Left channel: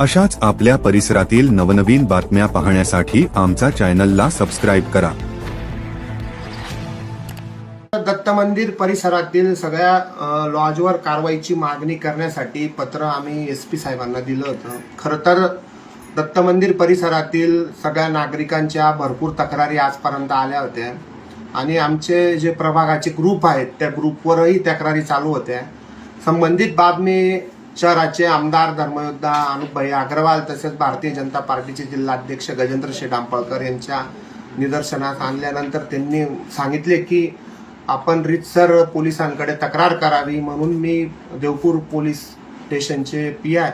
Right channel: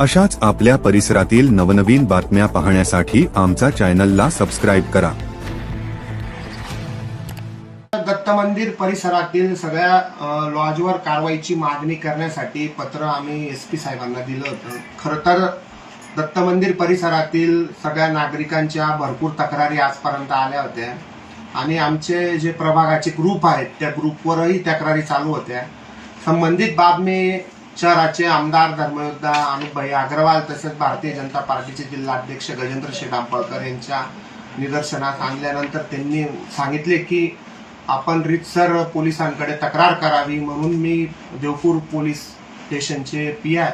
अशाच आपल्या परिसरातील नवनवीन बातम्या पाहण्यासाठी आमचा चॅनलला सबस्क्राईब करा। दत्त मंदिर परिसरातील सगळ्या लॉजवर कारवाईची मागणी करण्यासाठी पत्र आम्ही एसपी साहेबांना दिलं होतं। खरं तर दत्त मंदिर परिसरातील सगळ्या नागरिकांच्या भरपूर तक्रारी आजपर्यंत आल्या होत्या आणि आमचे जे प्रभागाचे ग्रुप आहेत त्या ग्रुपवरही तक्रारी चालू होत्या। संबंधित बातमी शहराचे आमदार धर्मयोद्धा अनुपभाई अग्रवाल तसेच भारतीय जनता पार्टीचे जिल्हाध्यक्ष गजेंद्र शेठ आंबळकर यांच्या निदर्शनास आणल्यानंतर त्यांनी सांगितले की आपण रीतसर पोलिसांकडे तक्रार करावी, म्हणून मी देवपूर पोलीस स्टेशनचे पीआय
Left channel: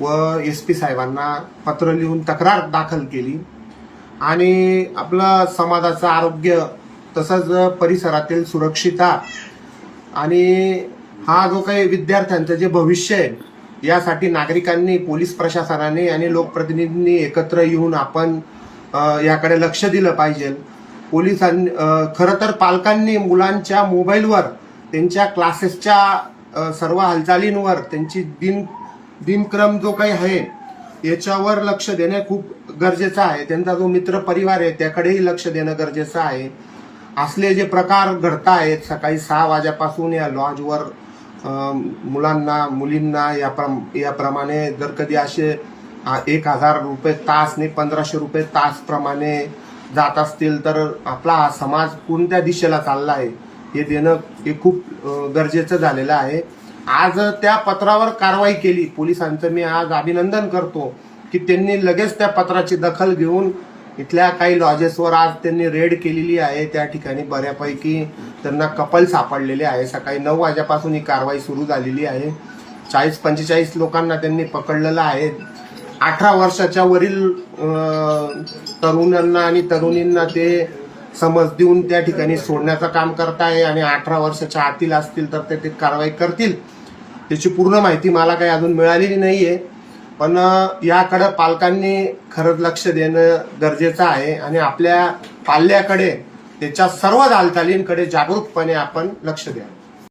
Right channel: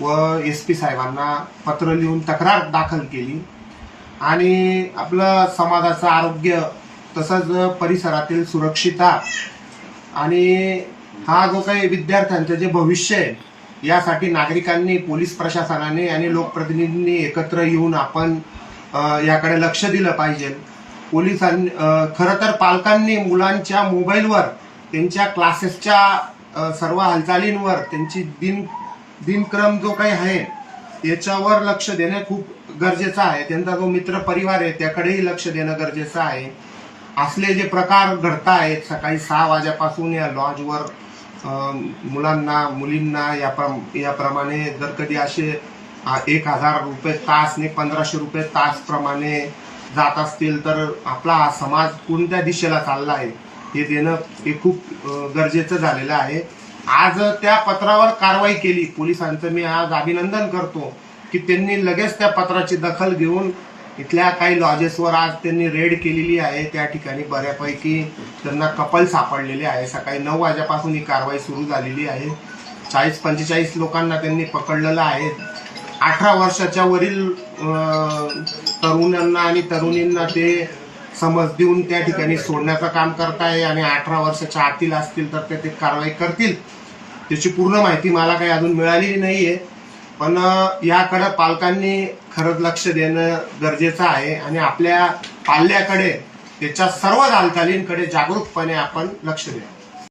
व एसपी साहेबांना पत्र लिहून तक्रार दाखल केली आणि आपलं समाजाचं आरोग्य तसंच परिसरातील सुरक्षितता आणि हा जो काही विद्यार्थ्यांचं जे भविष्य आहे यासाठी नागरिकांनी, पोलीस प्रशासनाने आणि लोकप्रतिनिधींनी एकत्र येऊन आपण याकडे लक्ष दिलं पाहिजे। पोलिसांनी खरं तर पालकांनी मुलांच्या मोबाईलवर त्यांच्या क्लासेसच्या सर्व हालचालींवर त्यांची दिनक्रम जो काही आहे याच्यावर लक्ष देणं खूप गरजेचं आहे। त्यांचा जो मित्र परिवार आहे त्याकडेही लक्ष देणं गरजेचं आहे। असले जे प्रकार घडतायत सकाळी 6 वाजल्यापासून या लॉजवर मुलांना मुलींना याप्रमाणे जर कधी असे 1000 रुपये तास नाही 1500 रुपये तास प्रमाणे जात असतील तर आपला हा समाज कोणत्या दिशेला चालला आहे हे देणं हे खूप गरजेचं झालेलं आहे। आज त्या पत्रावर कारवाई केली पोलिसांचं मी आज अभिनंदन करतो की त्यांनी लगेच त्या पत्राची दखल घेऊन इथल्या काही लॉजेसवर आज त्यांनी रेड केलेली आहे। त्या ठिकाणी बऱ्यापैकी त्यांना कपल सापडलेले आहे। सकाळी 9 वाजल्यापासून ही कारवाई सुरू झालेली आहे। 40-45 लोकांना त्यांनी पकडलेलं आहे। 18 वर्षाच्या वरील तरुणांना आणि तरुणींना ते समज देऊन त्या ठिकाणी सोडण्याचं काम करत आहे आणि 18 वर्षाच्या आतील असतील तर ते कारवाई करतील। त्याची पूर्ण माहिती मला काही अजून मिळालेली नाहीये, पण याकडे पालकांनी खरंच लक्ष देणं गरजेचं आहे आणि आपल्या पाल्याकडे त्याच्या सर्व हालचालींकडे जागरूकपणे आपण लक्ष द्यावं।